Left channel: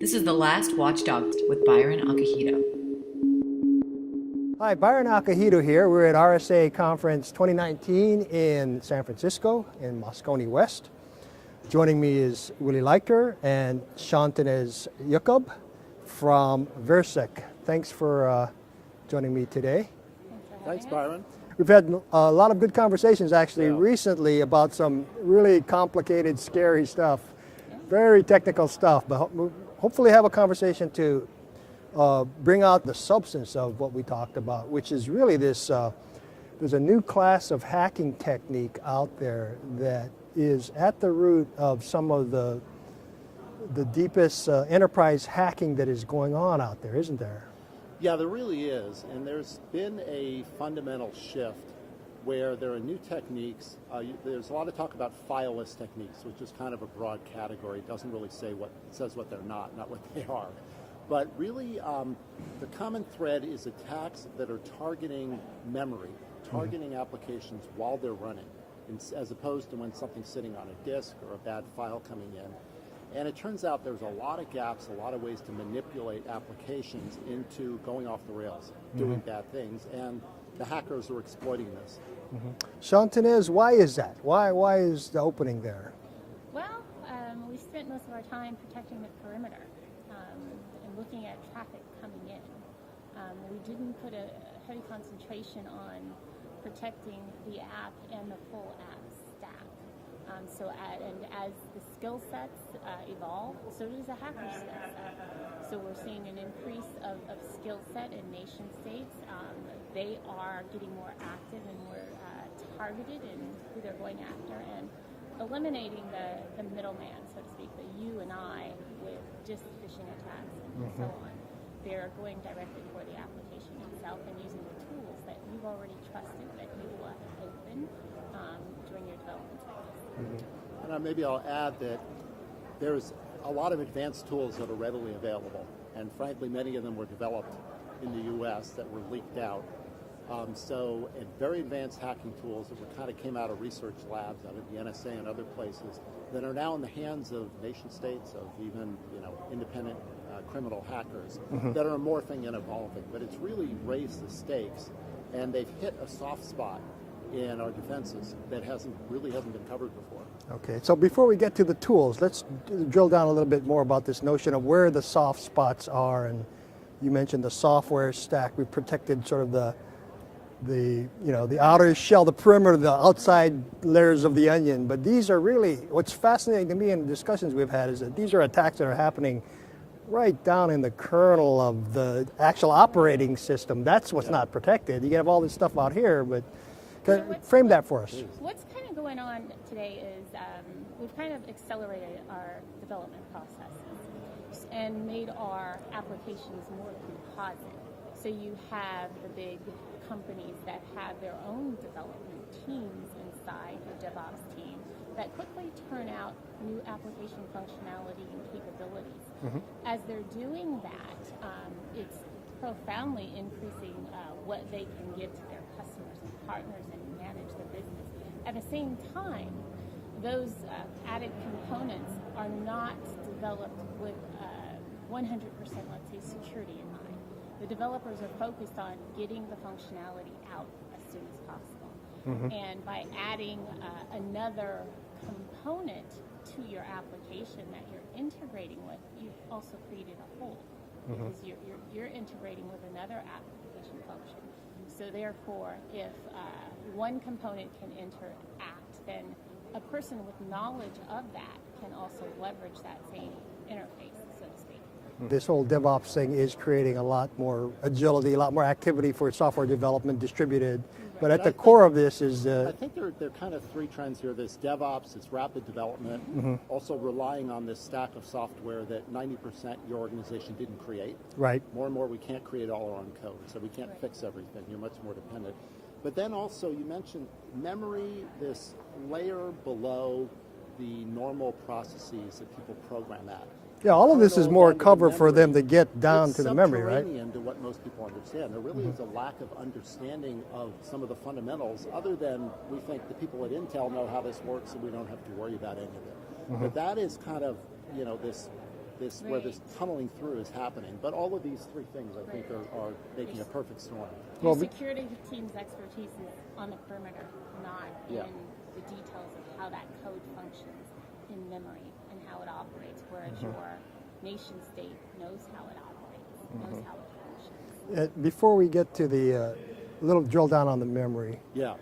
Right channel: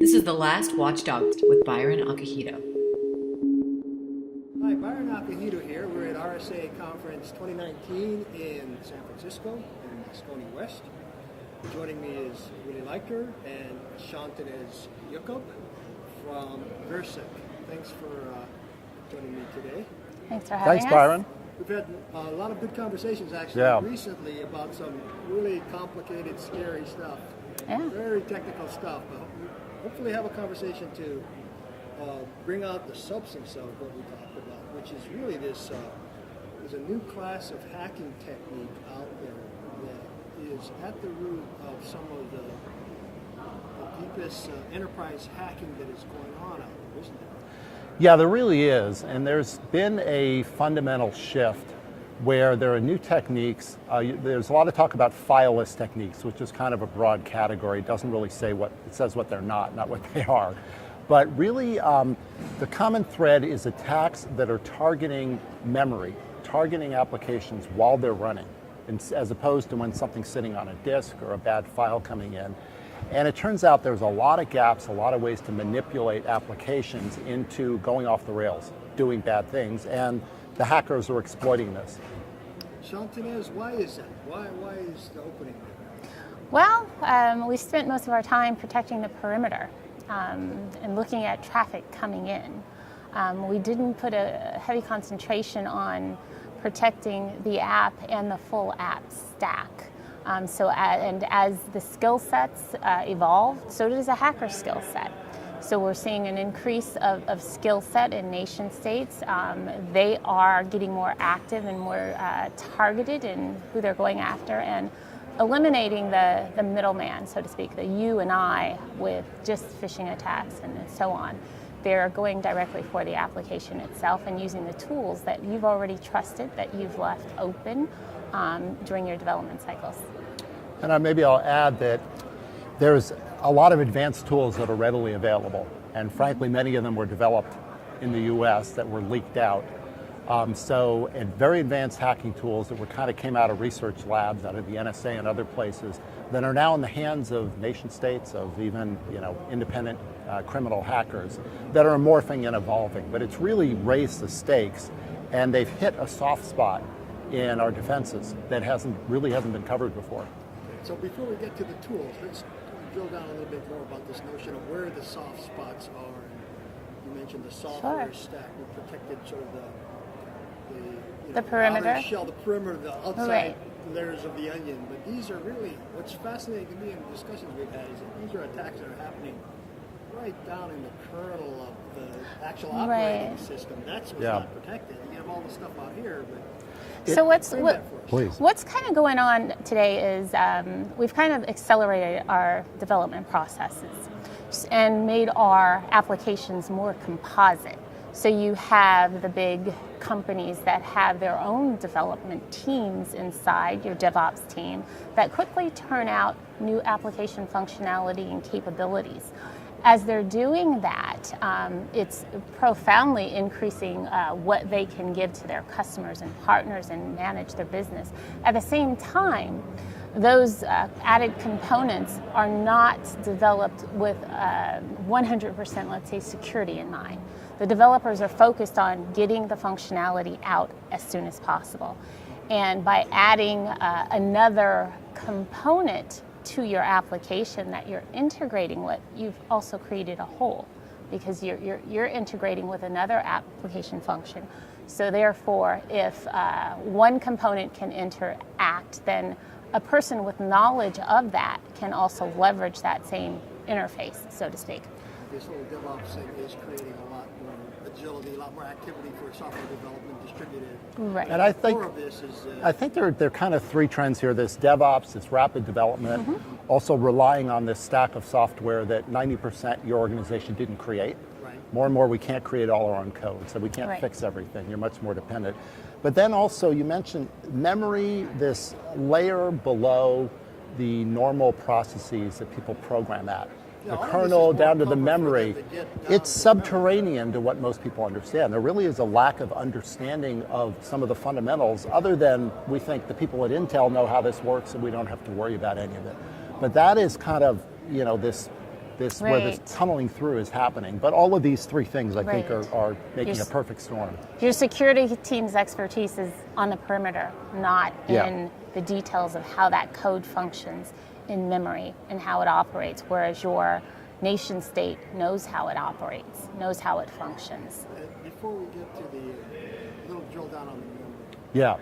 This is the last Watchdog with Byron Acohido. Hi, Byron Acohido here. We're at RSA Conference 2019 in San Francisco in Moscone West. Joining me is Willy Leichter and Shauntinez Jakab from Virsec. Thanks for joining me today. Thanks for having us. Thanks, Byron. We've had a lot of good conversations actually recently about some really complicated, scary stuff. Yeah. Very technical stuff, but we'll hopefully have a conversation to bring out the substance of what we talked about, which is really this, there's a new class of hacking technique out there that is at the root of some of the deepest enterprise hacking that is going on out there, isn't there? Yeah, there really is, and there's been a fundamental shift where there are new techniques. There's a lot of talk about fileless techniques, which is kind of a broad category. It doesn't really say what, it says what they're not what they are. But really, the common thread is attacks that are targeting memory, targeting applications while they're running, as opposed to when something's sitting on a disk or a bad file coming in. And it turns out there's a lot of gaps, a lot of ways to manipulate applications into going off the rails, doing bad things, and the hackers are exploiting this. Shauntinez, why is that? Why is the opening there? Well, we spent most of our time protecting the perimeter and looking at traffic coming in. We didn't put a heavy concentration on protecting the app and the full app stack. And as the skill sets evolve, so does a hacker skill set. So we're seeing an increase of skill set in nation states. They are getting more active and more targeted in who they're going after, and eliminating the middleman, so to speak, the you and I with just phishing attacks and so on. They're going directly for the application itself and using the tools that you've already trusted, that you've left open during your development cycles. And maybe I'll add that there's a lot of advanced tools that are readily available, and frankly, many of them were developed in the US that were leaked out. And very advanced hacking tools that came out of research labs, out of the NSA and other places, that are now in the hands of nation states, of even independent criminal hackers that are morphing and evolving. But it's really raised the stakes, and they've hit a soft spot in our defenses that really hasn't been covered before. Okay, so before we get to the tools, let's drill down a little bit more about this notion of where the soft spots are. And you mentioned the software stack. We protected sort of the outer shell, the perimeter, the outside layers of the onion. But these are really, what's fascinating to me in the discussions we've had is that these are attacks that are happening right down in the kernel of the actual operating system. That's what's not protected. You have all this stuff out here, but frame that for us. Please. What's kind of going on today is we've kind of accelerated our development processes and made our applications more composite. So you have the big companies that have their own development teams inside your DevOps team that quickly turn out new application functionality and capabilities. As they're doing that, it's profoundly increasing what they can give to their customers and partners and manage their business. At the same time, those added components are not developed with 100%, let's say, security in mind. The developers are focused on getting the functionality out as soon as possible. And by adding another component to your application that you're integrating with, you've also created a hole because you're integrating with another application function. So therefore, if one component can interact, then a person with knowledge of that can also leverage that same interface, so to speak. This whole DevOps thing is creating a lot more agility, a lot more activity for software development distributed. But at the core of this is... I think there are kind of three trends here. This DevOps, this rapid development, also relying on this stack of software that 90% your organization didn't create. Right. More and more we can't create all our own code, so we can't fix everything. You're much more dependent. But then also you mentioned memory, this layer below the normal processes that people program at. Yeah, all of this is more cover for them to get down to the memory. It's subterranean to what most people understand. There really is a lack of understanding of some of the fundamentals, other than we think the people at Intel know how this works and we don't have to worry about any of it. But that is kind of, this where this tunneling through is happening. But all of these three things, I think, are making a perfect storm. Your security team's expertise is on the perimeter, not in the details of how that code functions in memory and how it operates, whereas your nation state knows how it operates, knows how it functions. Before we get to the little drill down on the memory. Yeah.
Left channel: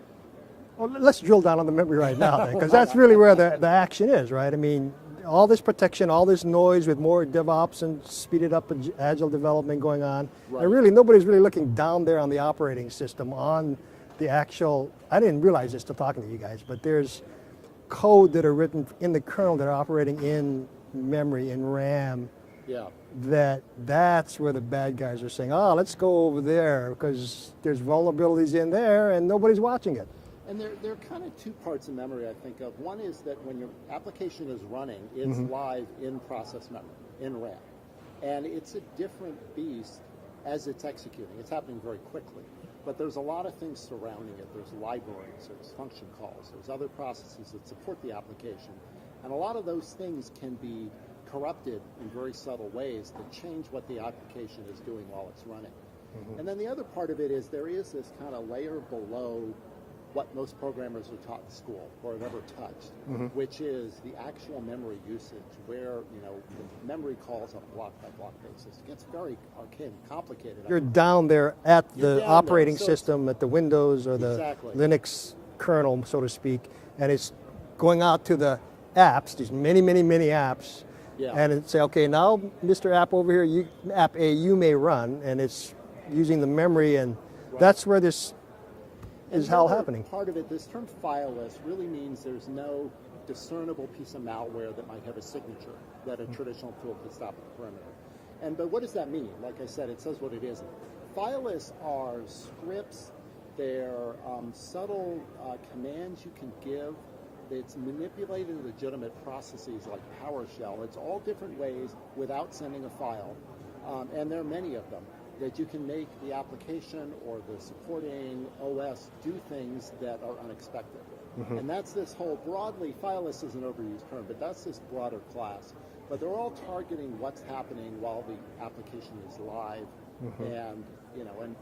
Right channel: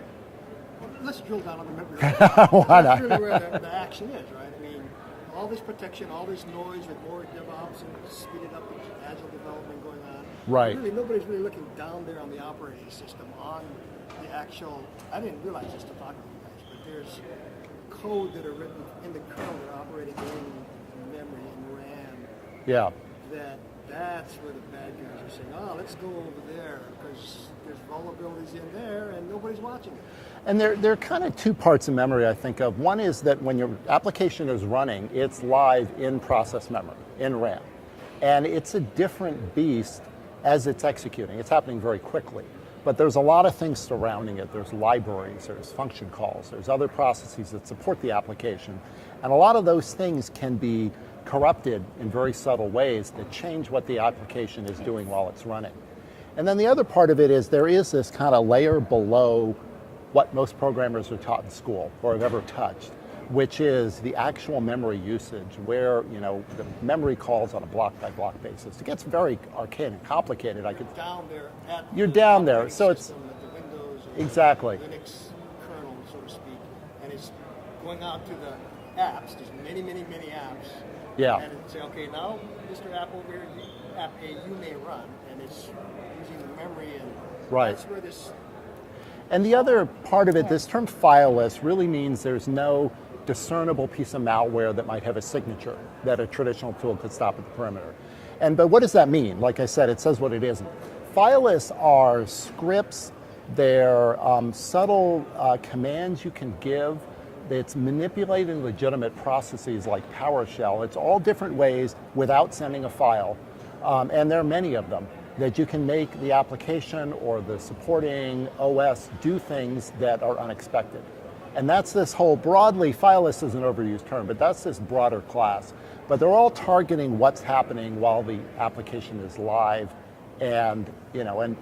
Well, let's drill down on the memory right now, because that's really where the action is, right? I mean, all this protection, all this noise with more DevOps and speeded up agile development going on. Right. And really, nobody's really looking down there on the operating system, on the actual, I didn't realize this till talking to you guys, but there's code that are written in the kernel that are operating in memory, in RAM. Yeah. That's where the bad guys are saying, oh, let's go over there, because there's vulnerabilities in there and nobody's watching it. And there are kind of two parts of memory I think of. One is that when your application is running, it's live in process memory, in RAM. And it's a different beast as it's executing. It's happening very quickly. But there's a lot of things surrounding it. There's libraries, there's function calls, there's other processes that support the application. And a lot of those things can be corrupted in very subtle ways that change what the application is doing while it's running. And then the other part of it is there is this kind of layer below what most programmers are taught in school or have ever touched, which is the actual memory usage, where the memory calls on a block-by-block basis. It gets very arcane and complicated. You're down there at the operating system, at the Windows or the Linux kernel, so to speak, and it's going out to the apps, there's many, many, many apps, and it say, okay, now Mr. App over here, App A, you may run, and it's using the memory, and that's where this And the other part of it, this term fileless really means there's no discernible piece of malware that might have a signature that a traditional tool could stop at the perimeter. But what does that mean? Like I said, it says what it isn't. Fileless are scripts, they're subtle commands you can give. It's manipulating legitimate processes like PowerShell. It's all different ways without sending a file, and there are many of them, that you can make the application or the supporting OS do things that are unexpected. And that's this whole broadly, fileless is an overused term, but that's this broader class. But they're all targeting what's happening while the application is live and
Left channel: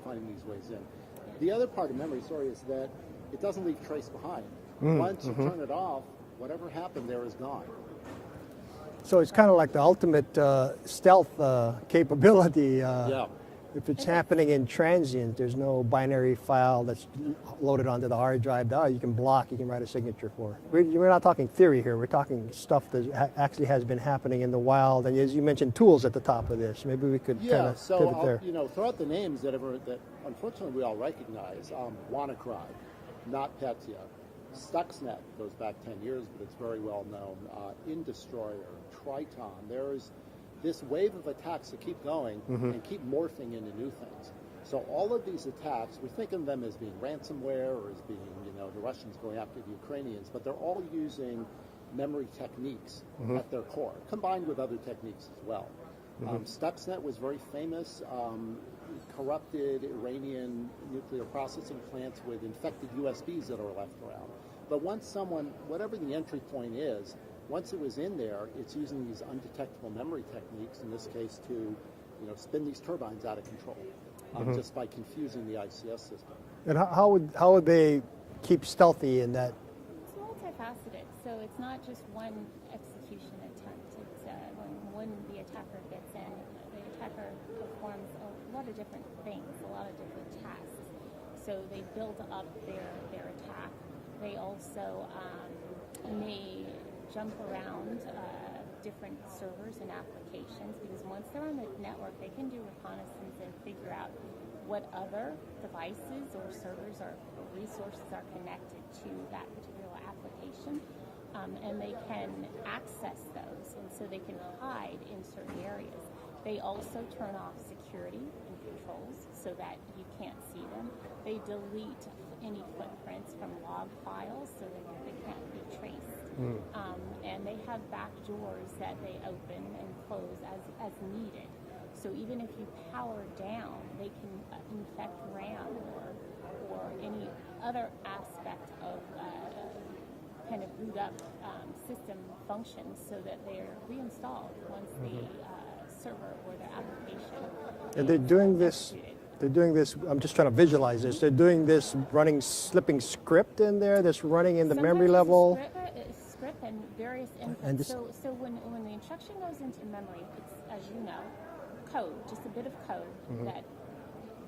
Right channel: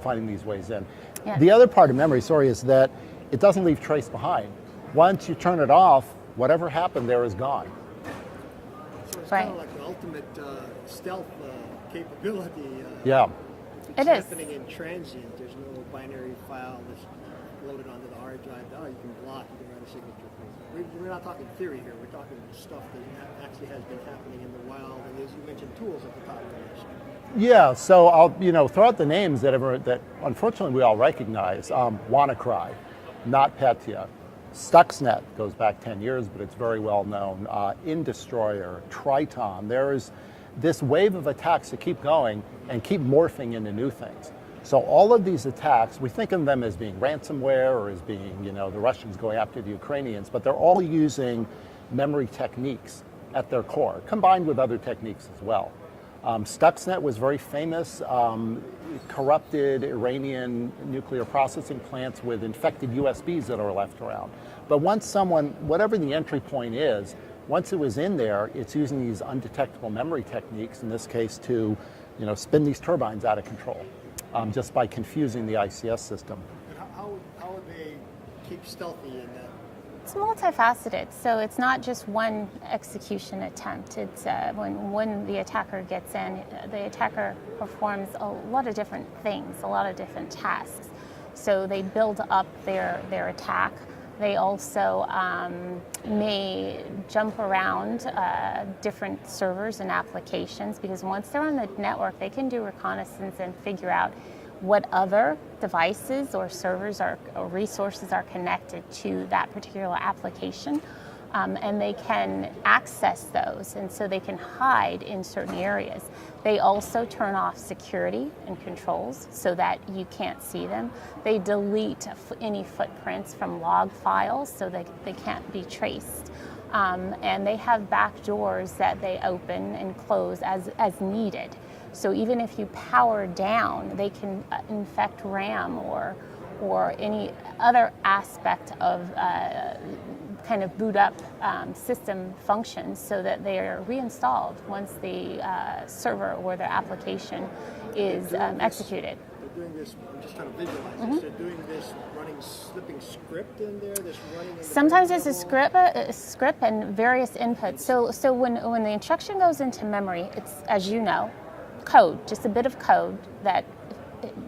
finding these ways in. The other part of memory, is that it doesn't leave trace behind. Once you turn it off, whatever happened there is gone. So it's kind of like the ultimate stealth capability. If it's happening in transient, there's no binary file that's loaded onto the hard drive. You can block, you can write a signature for it. We're not talking theory here, we're talking stuff that actually has been happening in the wild, and as you mentioned, tools at the top of this. Maybe we could... so I'll throw out the names that unfortunately we all recognize. WannaCry, NotPetya, Stuxnet goes back 10 years, but it's very well known. InDestroyer, Triton. There's this wave of attacks that keep going and keep morphing into new things. So all of these attacks, we think of them as being ransomware or as being, the Russians going after the Ukrainians, but they're all using memory techniques at their core, combined with other techniques as well. Stuxnet was very famous, corrupted Iranian nuclear processing plants with infected USBs that are left around. But once whatever the entry point is, once it was in there, it's using these undetectable memory techniques, in this case to spin these turbines out of control, just by confusing the ICS system. And how would they keep stealthy in that? It's multifaceted, so it's not just one execution attempt. It's when the attacker gets in, the attacker performs a lot of different things, a lot of different tasks. So they build up their attack. They also may jump around different servers and applications, because once they're on the network, they can do reconnaissance and figure out what other devices or servers or resources are connected to that particular application. And they can access those, and so they can hide in certain areas. They also turn off security and controls so that you can't see them. They delete any footprints from log files so they can't be traced. And they have back doors that they open and close as needed. So even if you power down, they can infect RAM or any other aspect of kind of boot up system functions so that they are reinstalled once the server or their application is executed. They're doing this, I'm just trying to visualize this, they're doing this running slipping script in there that's running in the Sometimes memory level? Sometimes it's a script and various inputs. So when the instruction goes into memory, it's, as you know, code, just a bit of code that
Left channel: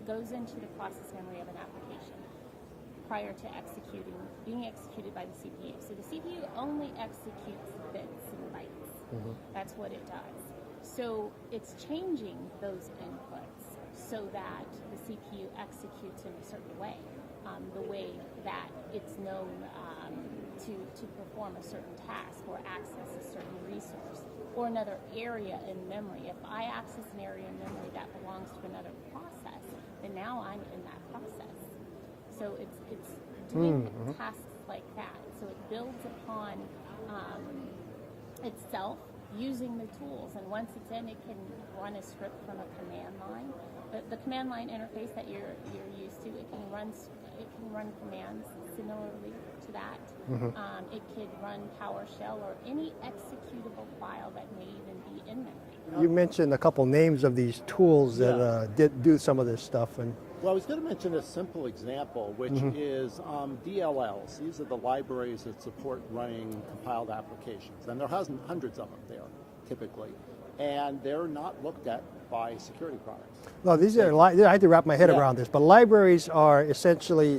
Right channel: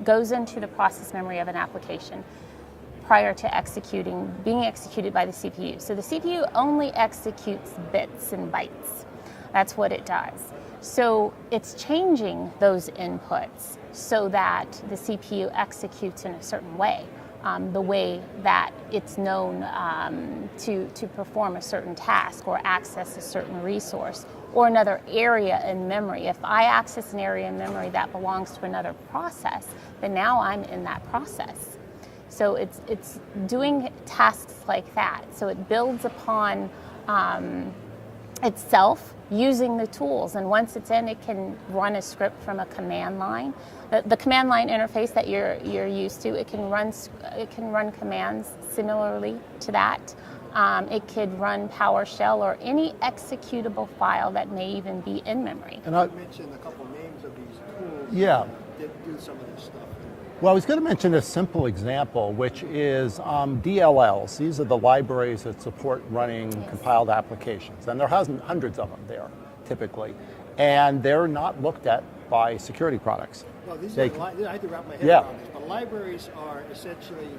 goes into the process memory of an application prior to being executed by the CPU. So the CPU only executes bits and bytes. That's what it does. So it's changing those inputs so that the CPU executes in a certain way, the way that it's known to perform a certain task or access a certain resource or another area in memory. If I access an area in memory that belongs to another process, then now I'm in that process. So it's doing tasks like that. So it builds upon itself using the tools, and once it's in, it can run a script from a command line. The command line interface that you're used to, it can run commands similarly to that. It could run PowerShell or any executable file that may even be in memory. And I mentioned a couple names of these tools that do some of this stuff. Well, I was going to mention a simple example, which is DLLs. These are the libraries that support running compiled applications, and there are hundreds of them there, typically, and they're not looked at by security products. No, these are, I have to wrap my head around this, but libraries are essentially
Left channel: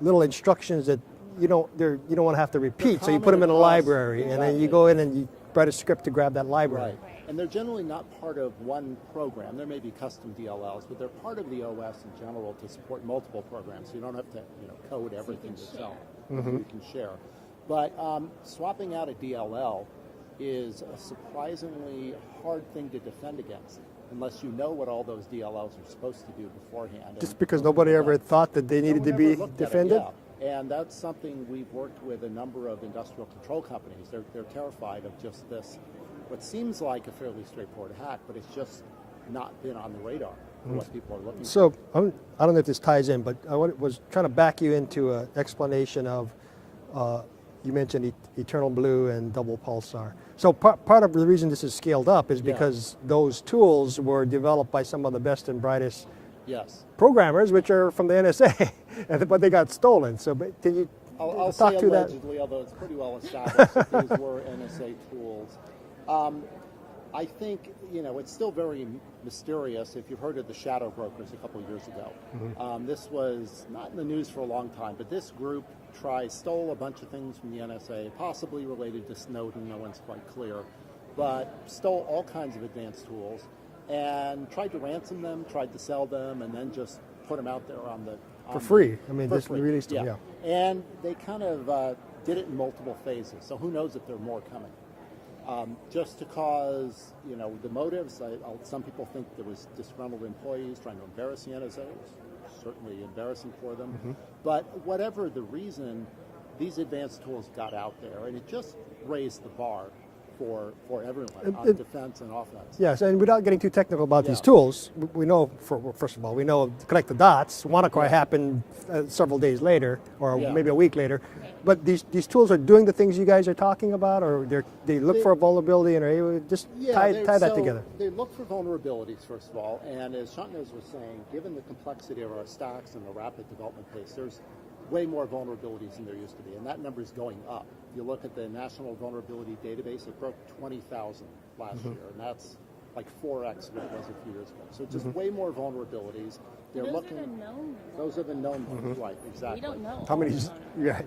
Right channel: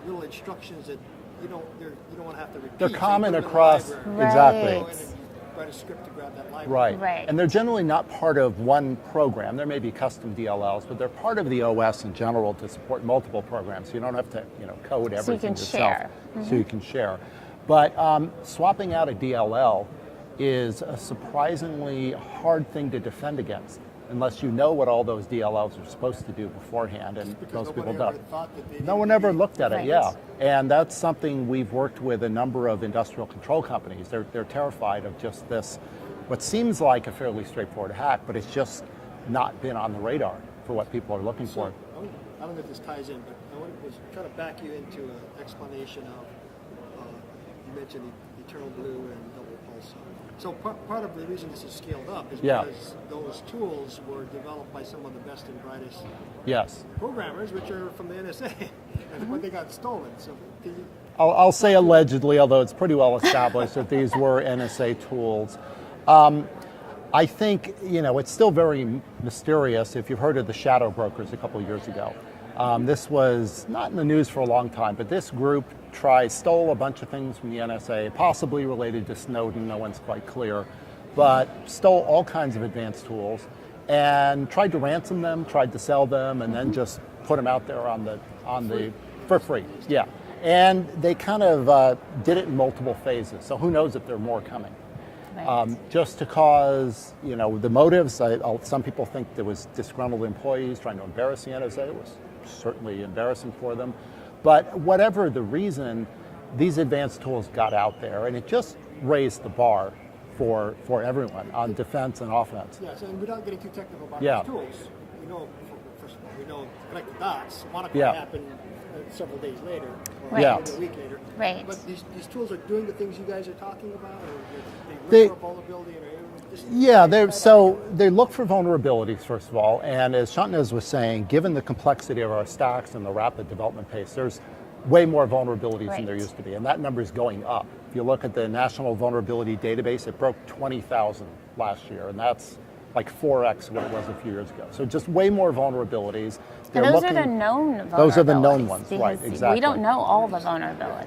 little instructions that you don't want to have to repeat, so you put them in a library. Right. Exactly. You go in and you write a script to grab that library. Right. And they're generally not part of one program. There may be custom DLLs, but they're part of the OS in general to support multiple programs. So you don't have to code everything yourself. So you can share. But swapping out a DLL is a surprisingly hard thing to defend against unless you know what all those DLLs are supposed to do beforehand. Just because nobody ever thought that they needed to be No one ever looked at it, defended? And that's something we've worked with a number of industrial control companies. They're terrified of just this, what seems like a fairly straightforward hack, but it's just not been on the radar for what people are looking for. So I don't know if this ties in, but I was trying to back you into an explanation of, you mentioned Eternal Blue and Double Pulsar. So part of the reason this is scaled up is because those tools were developed by some of the best and brightest programmers, which are from the NSA, but they got stolen. So can you I'll say allegedly, although it's pretty well established that these were NSA tools. I think, it's still very mysterious. If you've heard of the shadow brokers a couple of years ago, this was not in the news for a long time, but this group stole a bunch of things from the NSA, possibly related to Snowden, no one's quite clear, but stole all kinds of advanced tools and tried to ransom them, tried to sell them, and then just put them out there for free. For free, And they kind of did it in multiple phases, so who knows if there are more coming. Just to cause, the motives, some people think there was disgruntled employees trying to embarrass the NSA. It was certainly embarrassing for them. But whatever the reason, these advanced tools got out there, and it just raised the bar for everyone on defense and offense. Yes, and without getting too technical about these tools, we know, first of all, we know connect the dots. WannaCry happened several days later, or maybe a week later. Right. But these tools are doing the things you guys are talking about, or they look for a vulnerability and are able to just tie that together. They look for vulnerabilities, first of all, and as Shauntinez was saying, given the complexity of our stacks and the rapid development pace, there's way more vulnerabilities than there used to be, and that number is going up. If you look at the National Vulnerability Database, it broke 20,000 last year, and that's like 4x what it was a few years ago. So just way more vulnerabilities. And those are the known vulnerabilities. Those are the known ones, right, exactly. We don't know all the vulnerabilities.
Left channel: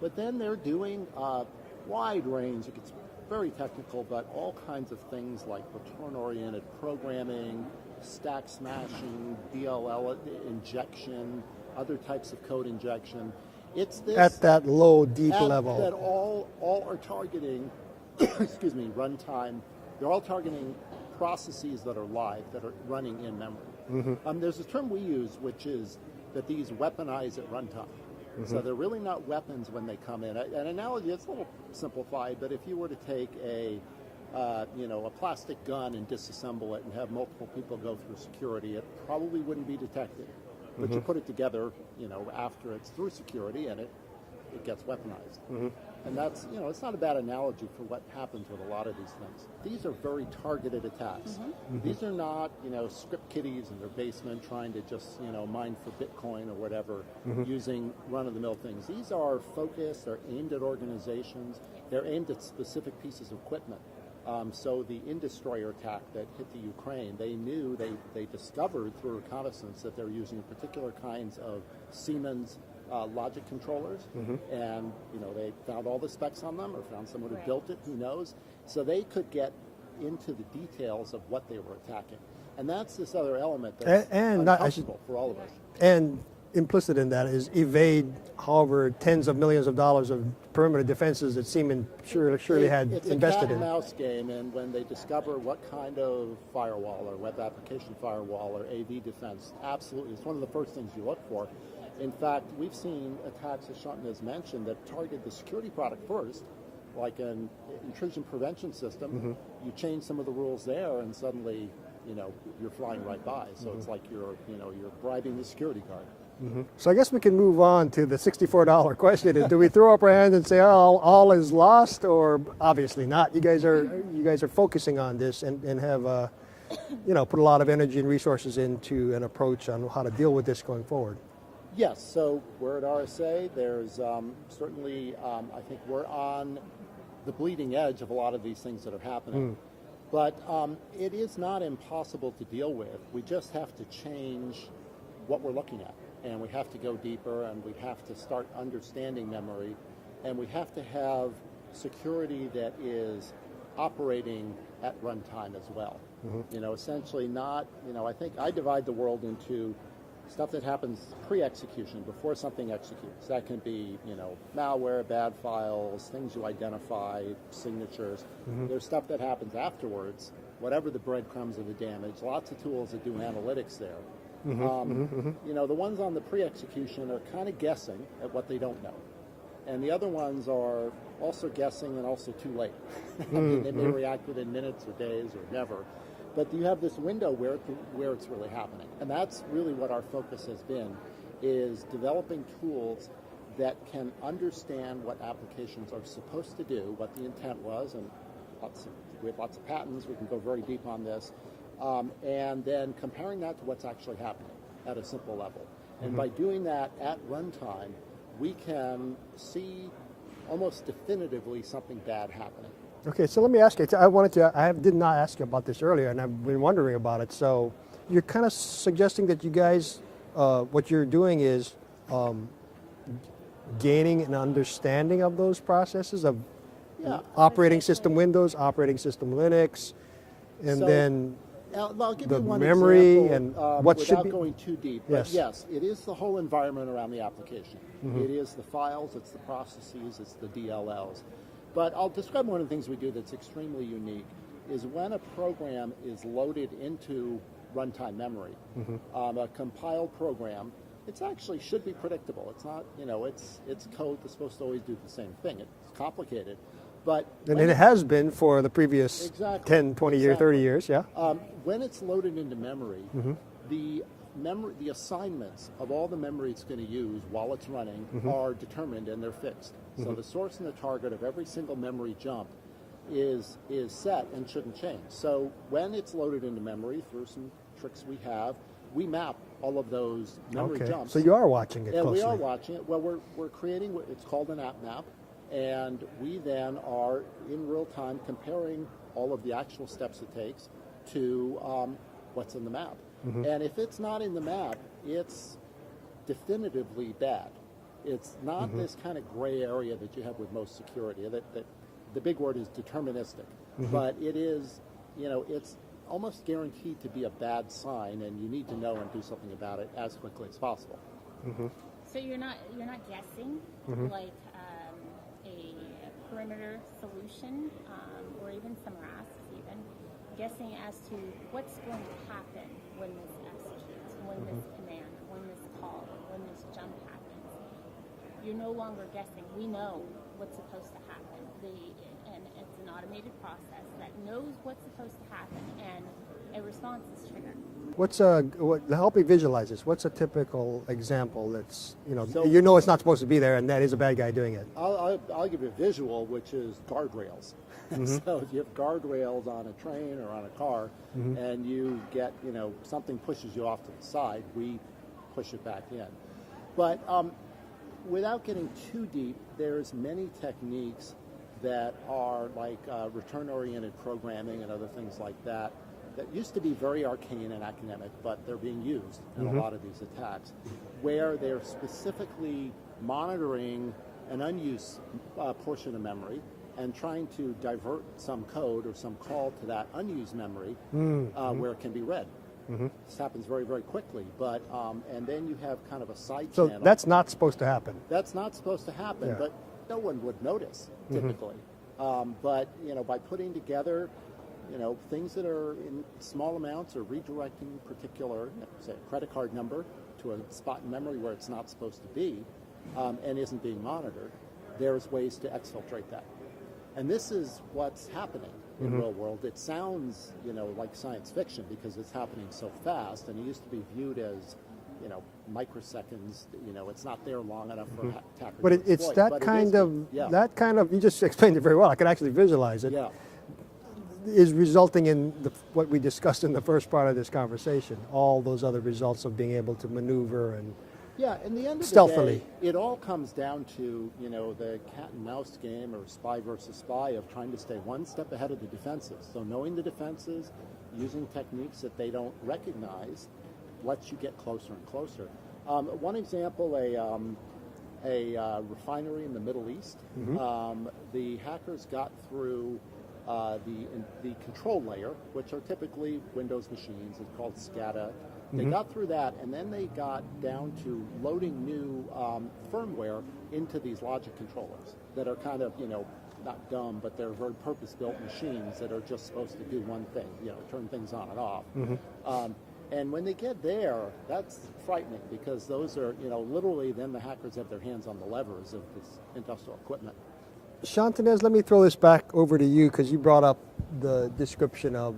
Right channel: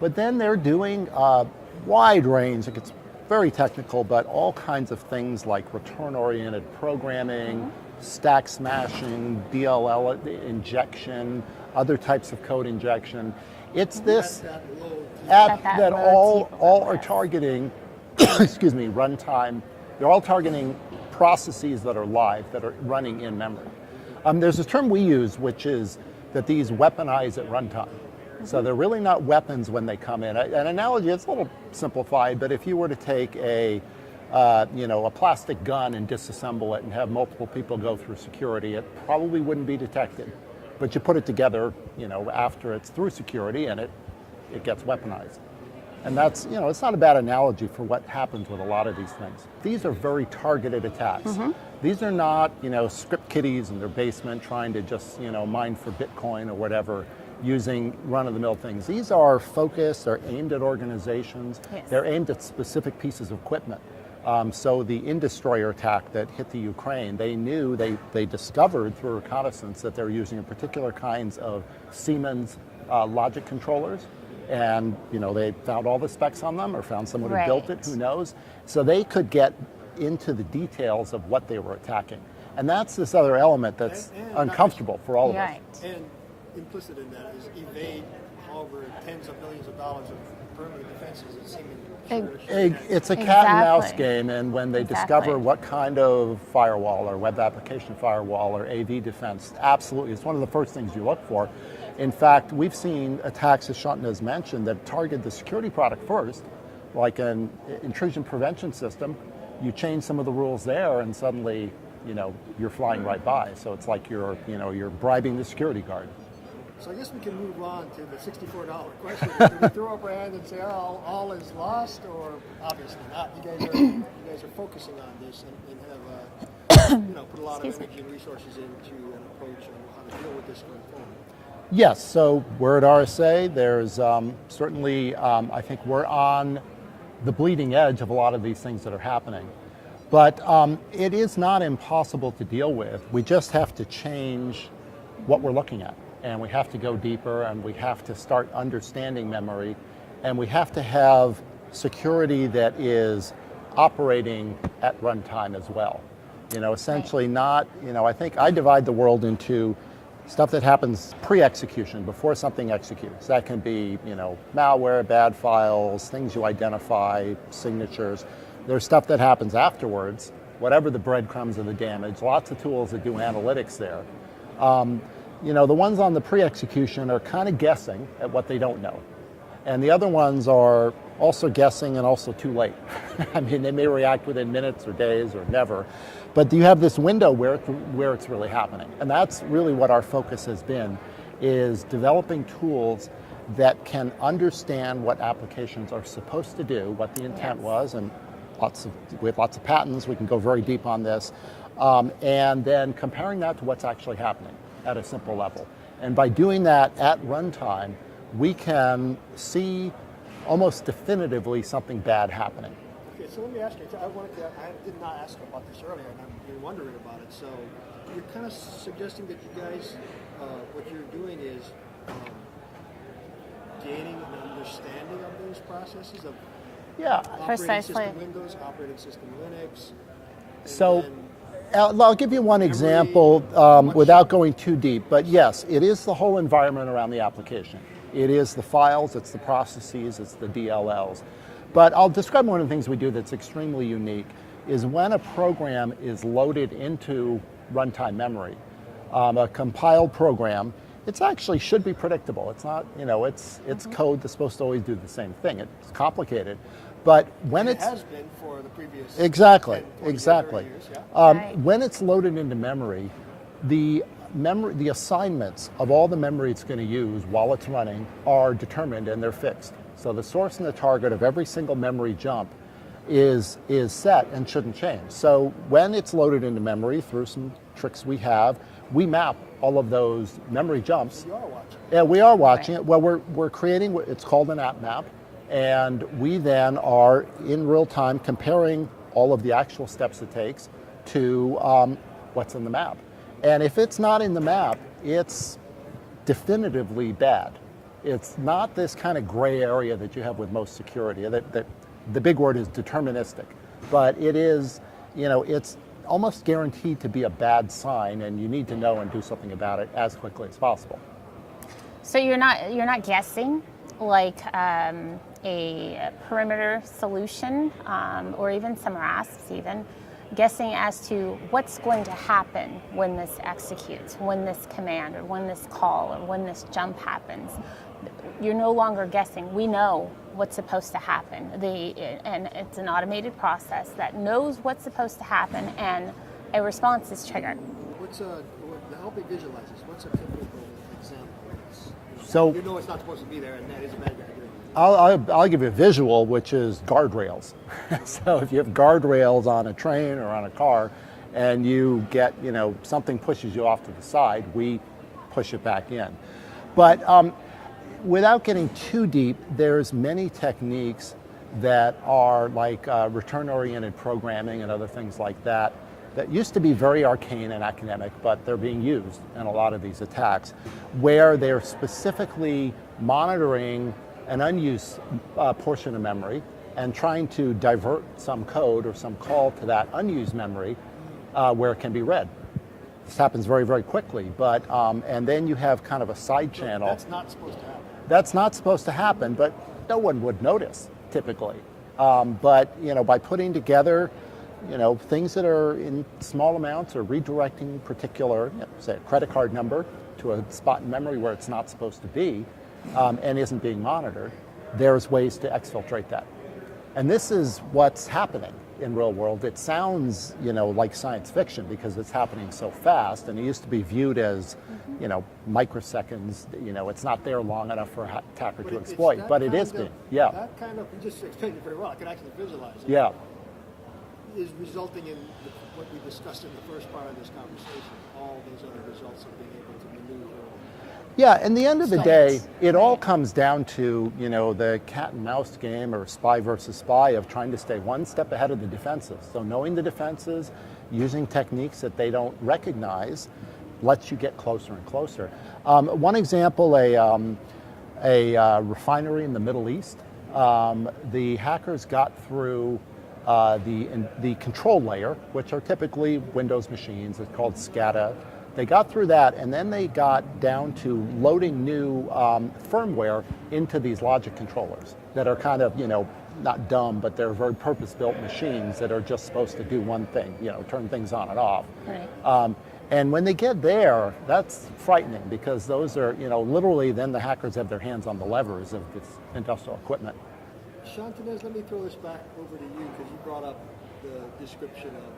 But then they're doing a wide range, it gets very technical, but all kinds of things like return-oriented programming, stack smashing, DLL injection, other types of code injection. It's this at that low, deep level. That all are targeting, excuse me, runtime. They're all targeting processes that are live, that are running in memory. There's a term we use, which is that these weaponize at runtime. So they're really not weapons when they come in. An analogy, it's a little simplified, but if you were to take a plastic gun and disassemble it and have multiple people go through security, it probably wouldn't be detected. But you put it together, after it's through security, and it it gets weaponized. And that's, it's not a bad analogy for what happens with a lot of these things. These are very targeted attacks. These are not, script kiddies in their basement trying to just, mine for Bitcoin or whatever, using run-of-the-mill things. These are focused, they're aimed at organizations, they're aimed at specific pieces of equipment. So the Indestroyer attack that hit the Ukraine, they knew, they discovered through reconnaissance that they were using particular kinds of Siemens logic controllers, and they found all the specs on them, or found someone who built it, who knows. So they could get into the details of what they were attacking. And that's this other element that's uncomfortable for all of us. And implicit in that is evade, however, tens of millions of dollars of perimeter defenses that Siemens surely had. It's a cat and mouse game, and when they discover what kind of firewall or web application firewall or AV defense, absolutely, it's one of the first things you look for. In fact, we've seen attacks, as Shauntinez mentioned, that target the security product first, like an intrusion prevention system. You change some of the rules there, and suddenly, you're flying right by. So it's like you're bribing the security guard. So I guess we can move on to the $64 question. Is, do we throw up our hands and say, oh, all is lost, or obviously not? You guys are focusing on this and have put a lot of energy and resources into an approach on how to deal with this going forward. Yes, so we're at RSA. There's certainly, I think we're on the bleeding edge of a lot of these things that are happening. But it is not impossible to deal with. We just have to change what we're looking at. And we have to go deeper, and we have to start understanding memory, and we have to have security that is operating at runtime as well. Essentially not, I think I divide the world into stuff that happens pre-execution, before something executes. That can be, malware, bad files, things you identify, signatures. There's stuff that happens afterwards, whatever the breadcrumbs of the damage, lots of tools that do analytics there. The ones on the pre-execution are kind of guessing at what they don't know. And the other ones are also guessing and also too late. I mean, they may react within minutes or days or never. But you have this window where it's really happening. And that's really what our focus has been, is developing tools that can understand what applications are supposed to do, what the intent was, and we have lots of patents, we can go very deep on this, and then comparing that to what's actually happening at a simple level. And by doing that at runtime, we can see almost definitively something bad happening. Okay, so let me ask you. I did not ask you about this earlier, and I've been wondering about it. So you're kind of suggesting that you guys, what you're doing is gaining an understanding of those processes of operating system Windows, operating system Linux, and then I'll give you one example without going too deep, but yes, it is the whole environment around the application. It is the files, it's the processes, it's the DLLs. But I'll describe one of the things we do that's extremely unique is when a program is loaded into runtime memory, a compiled program, it actually should be predictable. It's not, it's code that's supposed to always do the same thing. It's complicated. But when it has been for the previous 10, 20 years, 30 years, when it's loaded into memory, the assignments of all the memory it's going to use while it's running are determined and they're fixed. So the source and the target of every single memory jump is set and shouldn't change. So when it's loaded into memory through some tricks we have, we map all of those memory jumps. So you are watching it. Yeah, we are watching it. Well, we're creating what it's called an app map, and we then are in real time comparing all of the actual steps it takes to what's in the map. And if it's not in the map, it's definitively bad. It's not this kind of gray area that you have with most security. That the big word is deterministic, but it is, it's almost guaranteed to be a bad sign, and you need to know and do something about it as quickly as possible. So you're not guessing like a perimeter solution, or even some RASPs even, guessing as to what's going to happen when this executes, when this command or when this call or when this jump happens. You're no longer guessing. We know what's supposed to happen. And it's an automated process that knows what's supposed to happen, and a response is triggered. help me visualize this. What's a typical example that's, So- it's not supposed to be there and that is a bad guy doing it? I'll give you a visual, which is guardrails. So if you have guardrails on a train or on a car, and you get, something pushes you off to the side, we push it back in. But without getting too deep, there's many techniques that are like return-oriented programming and other things like that used to be very arcane and academic, but they're being used in a lot of these attacks, where they're specifically monitoring an unused portion of memory and trying to divert some code or some call to that unused memory where it can be read. This happens very, very quickly, but and then you have kind of a side So channel. that's not supposed to happen. That's not supposed to happen, but no one would notice typically. But by putting together, things that are in small amounts or redirecting particular, say a credit card number to a spot in memory where it's not supposed to be and isn't being monitored, there's ways to exfiltrate that. And this is what's happening in real world. It sounds, like science fiction because it's happening so fast, and it used to be viewed as, microseconds. It's not there long enough for an attacker But to it's exploit. that But it kind is of, that kind of, you just explained it very well. I can actually visualize it. Yeah. Is resulting in what we discussed in the first part of this conversation, all those other results of being able to maneuver and Yeah, in the end of the Stealthily. day, it all comes down to, the cat and mouse game or spy versus spy of trying to stay one step ahead of the defenses. So knowing the defenses, using techniques that they don't recognize, lets you get closer and closer. One example, a refinery in the Middle East, the hackers got through the control layer, which are typically Windows machines. It's called SCADA. They got through that, and then they got down to loading new firmware into these logic controllers that are kind of, not dumb, but they're very purpose-built machines that are just supposed to do one thing, turn things on and off. And when they get there, that's frightening because those are, literally then the hackers have their hands on the levers of this industrial equipment. Shauntinez, let me throw this back over to you because you brought up the description of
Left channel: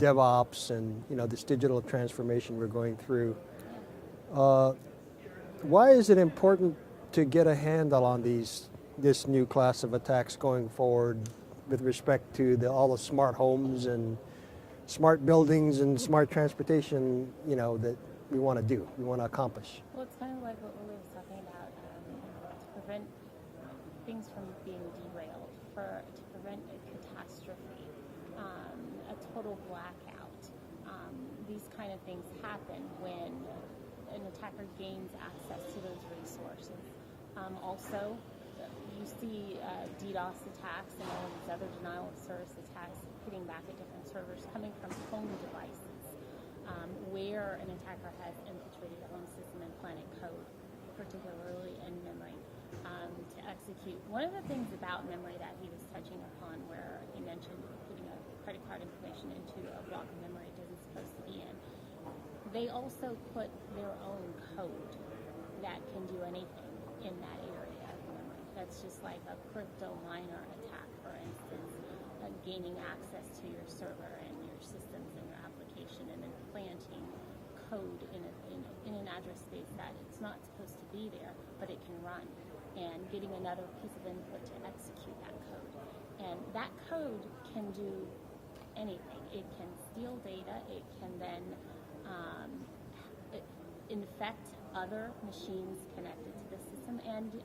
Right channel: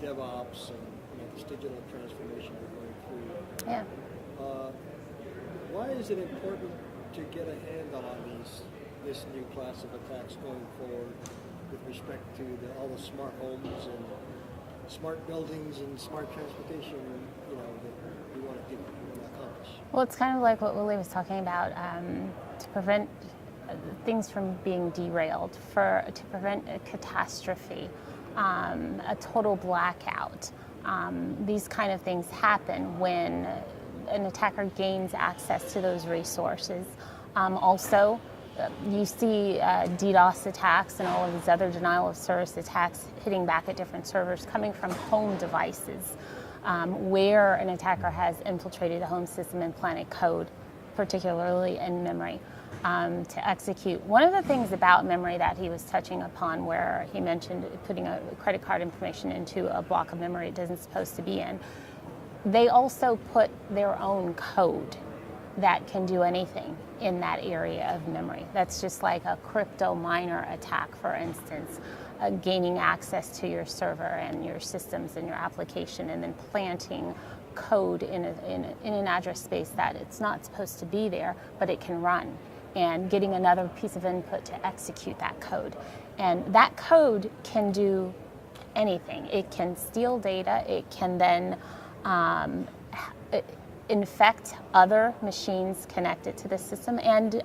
DevOps and this digital transformation we're going through. Yeah. Why is it important to get a handle on this new class of attacks going forward with respect to all the smart homes and smart buildings and smart transportation, that we want to do, we want to accomplish? Well, it's kind of like what Willy was talking about, to prevent things from being derailed, to prevent a catastrophe, a total blackout. These kind of things happen when an attacker gains access to those resources. Also, you see DDoS attacks and all of these other denial of service attacks hitting back at different servers coming from home devices, where an attacker has infiltrated a home system and planted code, particularly in memory, to execute. One of the things about memory that he was touching upon, where he mentioned putting a credit card information into a block of memory it isn't supposed to be in, they also put their own code that can do anything in that area of memory. That's just like a crypto miner attack, for instance, gaining access to your server and your systems and your application, and then planting code in an address space that it's not supposed to be there, but it can run, and getting another piece of input to execute that code. And that code can do anything. It can steal data. It can then infect other machines connected to the system and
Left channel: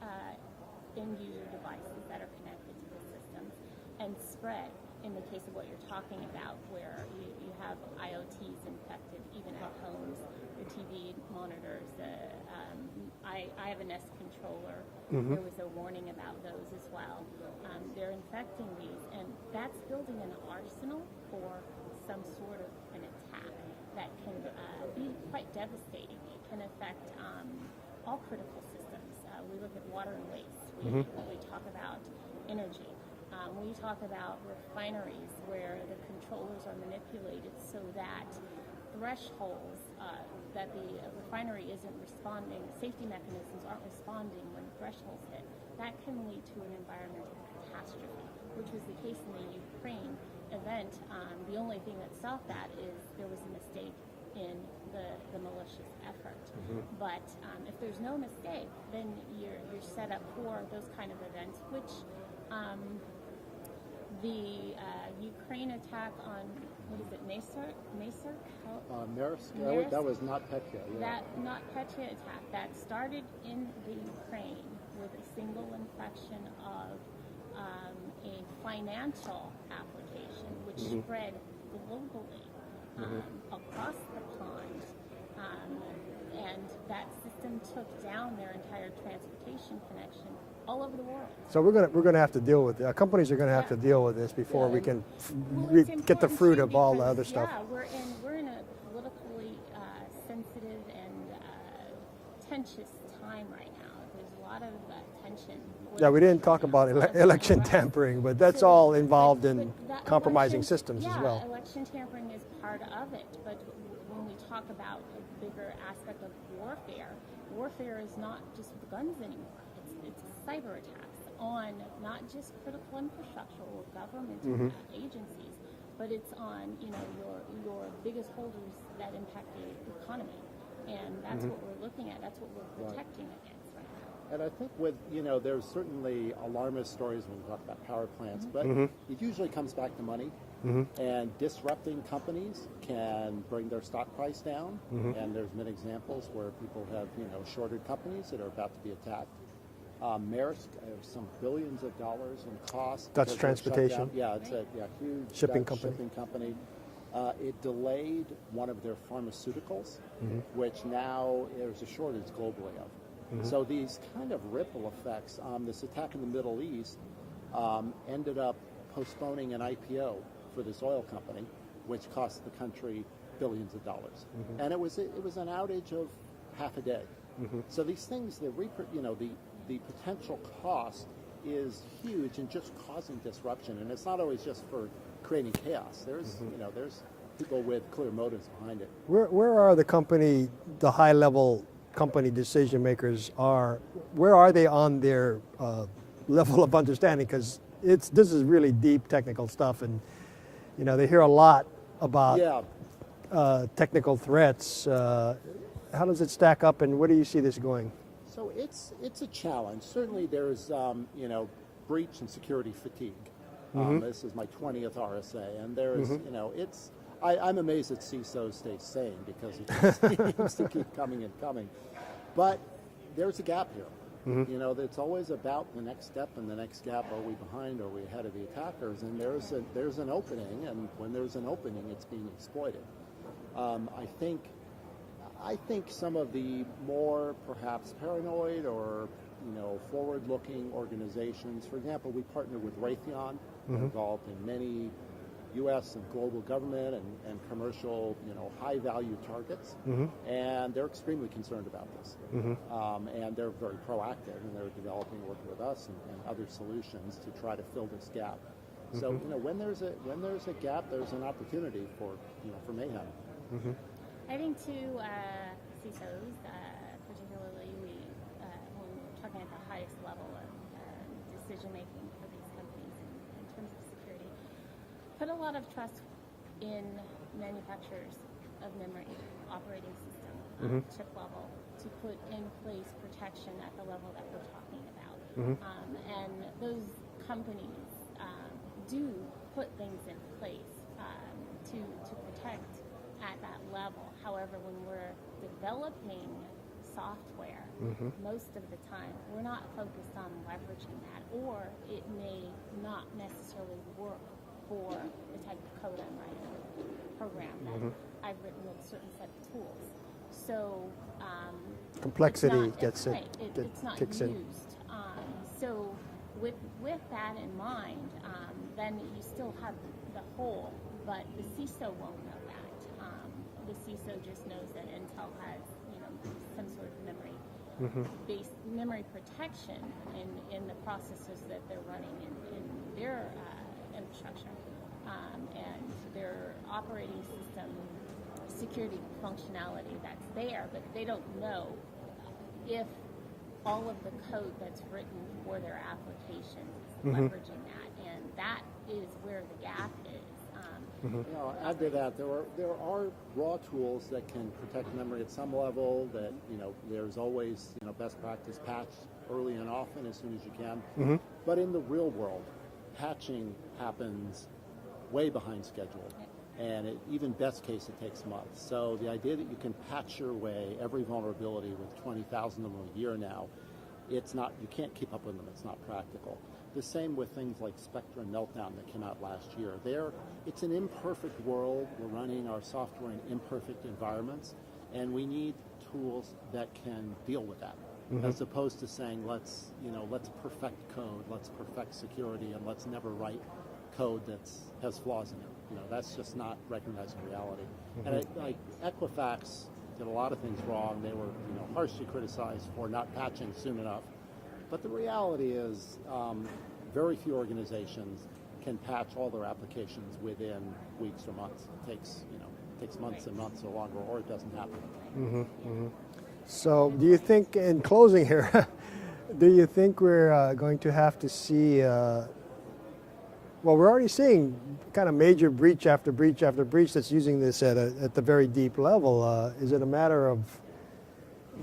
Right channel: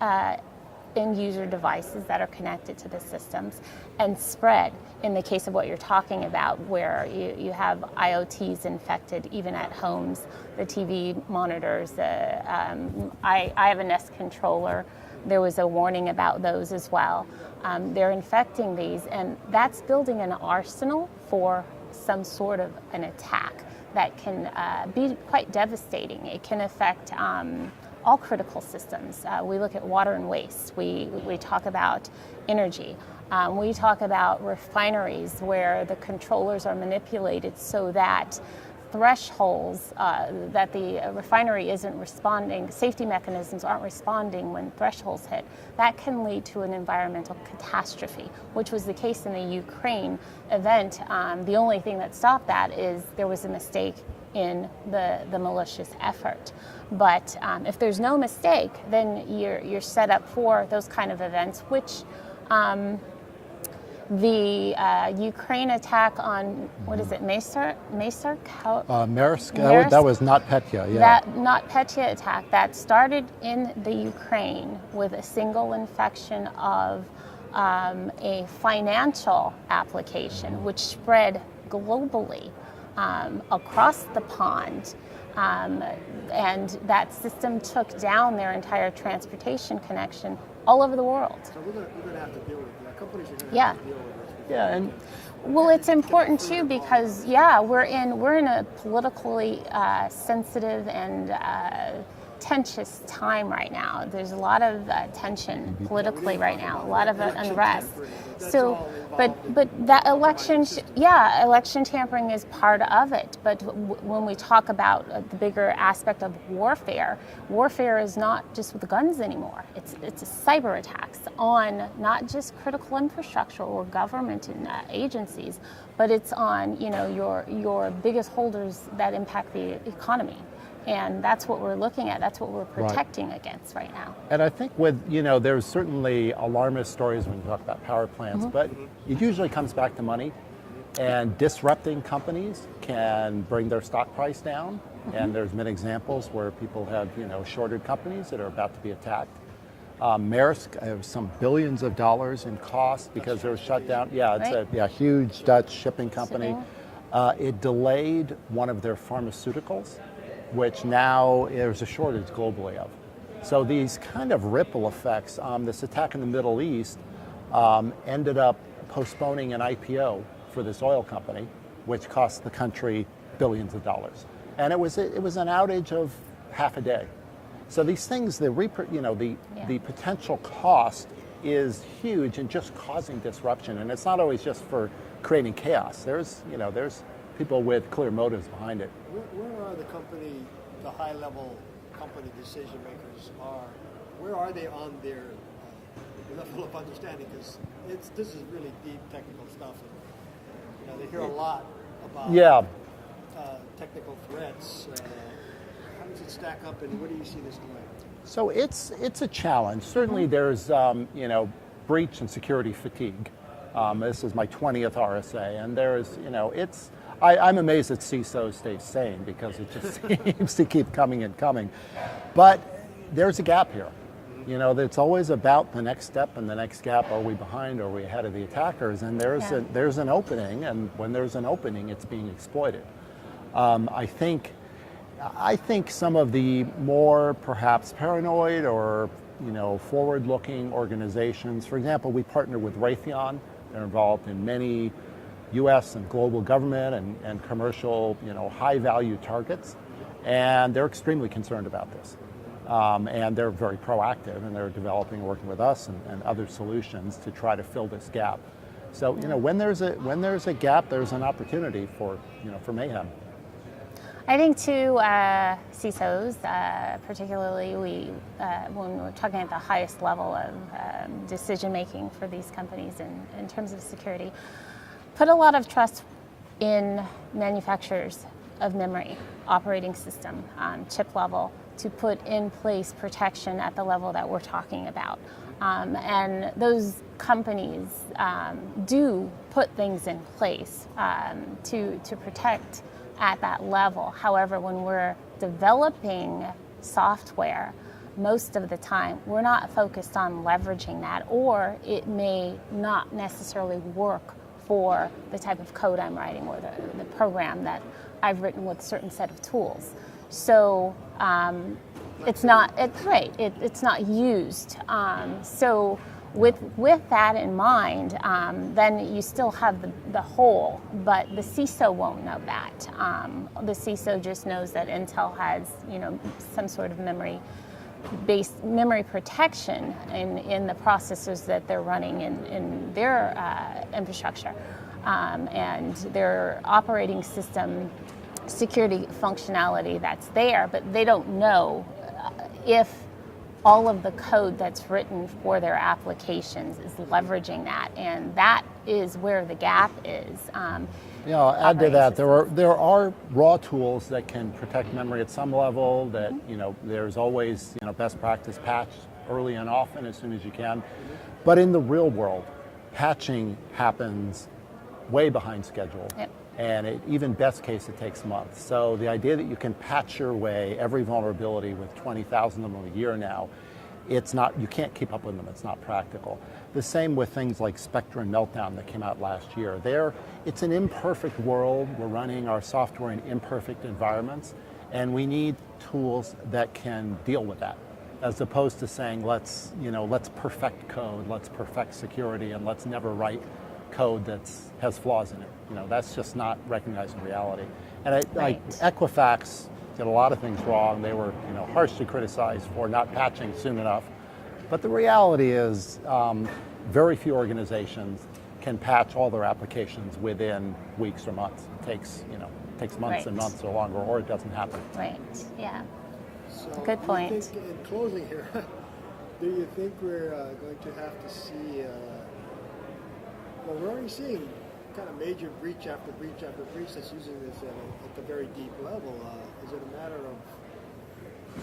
end user devices that are connected to the systems, and spread. In the case of what you're talking about, where you have IoTs infected even at homes, the TV monitors, I have a Nest controller. There was a warning about those as well. They're infecting these, and that's building an arsenal for some sort of an attack that can be quite devastating. It can affect all critical systems. We look at water and waste. We talk about energy. We talk about refineries where the controllers are manipulated so that thresholds that the refinery isn't responding, safety mechanisms aren't responding when thresholds hit. That can lead to an environmental catastrophe, which was the case in the Ukraine event. The only thing that stopped that is there was a mistake in the malicious effort. But if there's no mistake, then you're set up for those kind of events, which the Ukraine attack on, what is it, Maersk? Maersk, that was not Petya, yeah. That not Petya attack that started in the Ukraine with a single infection of a financial application, which spread globally across the pond. And that system took down their entire transportation connection all over the world. So we're going to have to deal with it. Companies are going to have to deal with this before we can. Well, it's get the important fruit too of all the because other stuff. we're in a politically sensitive and contentious time right now. There's a lot of tension politically we didn't right talk now. about a lot of election unrest. tampering, but that's all involved in but that compromising election, systems. election tampering is part of it. But when we talk about the bigger aspect of warfare, warfare is not just with guns anymore. It's a cyber attacks on not just critical infrastructure or government agencies, but it's on your biggest holders that impact the economy. And that's what we're looking at. That's what we're protecting against right now. And I think with, there's certainly alarmist stories when you talk about power plants, but it usually comes back to money. And disrupting companies can bring their stock price down. And there's been examples where people have, shorted companies that are about to be attacked. Maersk has some billions of dollars in cost because they're shut down. Yeah, it's a huge Dutch shipping company. It delayed one of their pharmaceuticals, which now there's a shortage globally of. So these kind of ripple effects, this attack in the Middle East ended up postponing an IPO for this oil company, which cost the country billions of dollars. And it was an outage of half a day. So these things, the potential cost is huge in just causing disruption, and it's not always just for creating chaos. There's people with clear motives behind it. Where are the high-level company decision makers where are they on their level of understanding? Because this is really deep technical stuff, and they hear a lot about technical threats. How does it stack up, and where do you see this going? So it's a challenge. Certainly there's breach and security fatigue. This is my 20th RSA, and there's I'm amazed that CISOs stay sane because it just seems to keep coming and coming. But there's a gap here. It's always about the next step and the next gap. Are we behind? Are we ahead of the attackers? And there's an opening, and when there's an opening, it's being exploited. I think some of the more perhaps paranoid or forward-looking organizations, for example, we partner with Raytheon. They're involved in many U.S. and global government and commercial, high-value targets, and they're extremely concerned about this. And they're very proactive, and they're developing, working with us and other solutions to try to fill this gap. So, when there's a gap, there's an opportunity for mayhem. I think too, CISOs, particularly when we're talking at the highest level of decision making for these companies in terms of security, put a lot of trust in manufacturers of memory operating system on chip level to put in place protection at the level that we're talking about. And those companies do put things in place to protect at that level. However, when we're developing software, most of the time we're not focused on leveraging that, or it may not necessarily work for the type of code I'm writing or the program that I've written with a certain set of tools. So it's not used. So with that in mind, then you still have the whole, but the CISO won't know that. The CISO just knows that Intel has some sort of memory-based memory protection in the processors that they're running in their infrastructure, and their operating system security functionality that's there, but they don't know if all of the code that's written for their applications is leveraging that, and that is where the gap is. I'll add to that. There are raw tools that can protect memory at some level. That there's always best practice patch early and often as soon as you can. But in the real world, patching happens way behind schedule. Yep. And even best case, it takes months. So the idea that you can patch your way every vulnerability with 20,000 of them a year now, you can't keep up with them, it's not practical. The same with things like Spectre and Meltdown that came out last year. It's an imperfect world, we're running our software in imperfect environments, and we need tools that can deal with that. As opposed to saying, let's perfect code, let's perfect security, and let's never write code that has flaws in it. That's just not recognizing reality. And Equifax did a lot of things wrong. They were harshly criticized for not patching soon enough. But the reality is very few organizations can patch all their applications within weeks or months. It takes months and months or longer, or it doesn't happen. Right, yeah. So Good do point. you think, in closing here, do you think we're going to have to see, we're already seeing kind of major breach after breach after breach that's using this at the very deep level. Is it a matter of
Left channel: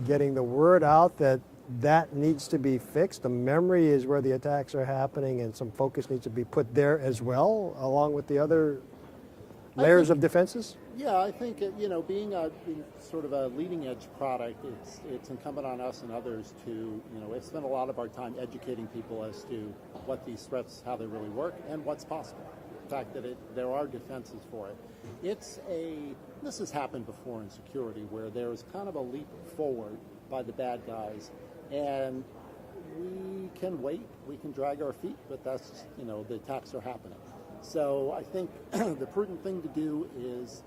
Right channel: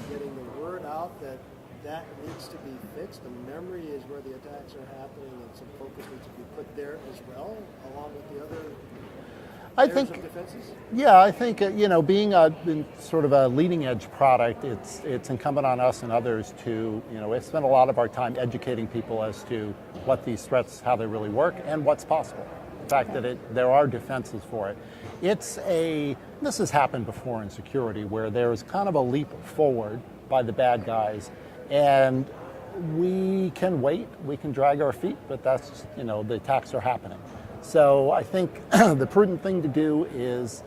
getting the word out that needs to be fixed? The memory is where the attacks are happening, and some focus needs to be put there as well, along with the other layers of defenses? Yeah, I think being sort of a leading edge product, it's incumbent on us and others to we spend a lot of our time educating people as to what these threats, how they really work, and what's possible. The fact that there are defenses for it. This has happened before in security, where there's kind of a leap forward by the bad guys, and we can wait, we can drag our feet, but that's the attacks are happening. So I think the prudent thing to do is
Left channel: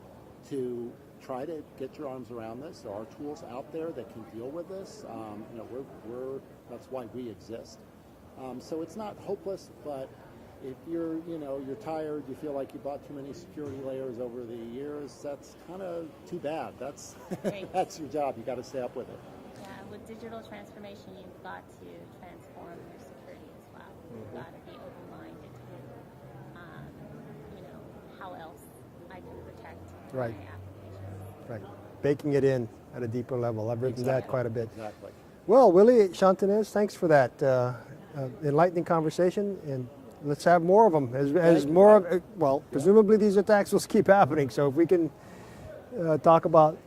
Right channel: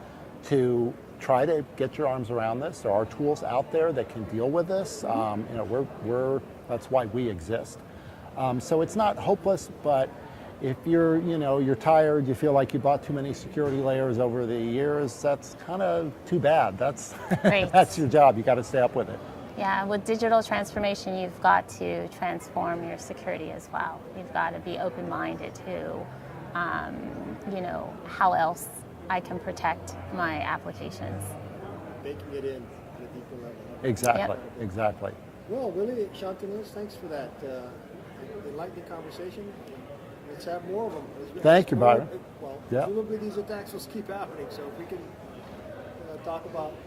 to try to get your arms around this. There are tools out there that can deal with this. That's why we exist. So it's not hopeless, but if you're tired, you feel like you bought too many security layers over the years, that's kind of too bad. That's that's your job. You got to stay up with it. Yeah, with digital transformation, you've got to transform your security as well. You've got to be open-minded to how else I can protect my applications. Right. Baking it in at a deeper level. That brings Exactly. it quite a bit. Exactly. Well, Willy, Shauntinez, thanks for that enlightening conversation, and let's have more of them. Thank you, Byron. Presumably these attacks will keep happening, so if we can talk about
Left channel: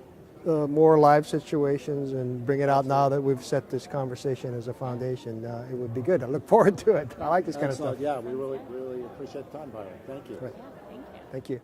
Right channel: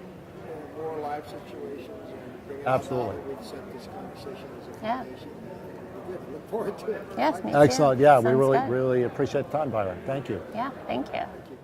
more live situations and bring it out now that we've set this conversation as a foundation, it would be good. I look forward to it. Yeah, I like this. Excellent. Yeah, we Sounds really, good. really appreciate the time, Byron. Thank you. Yeah, thank you. Thank you.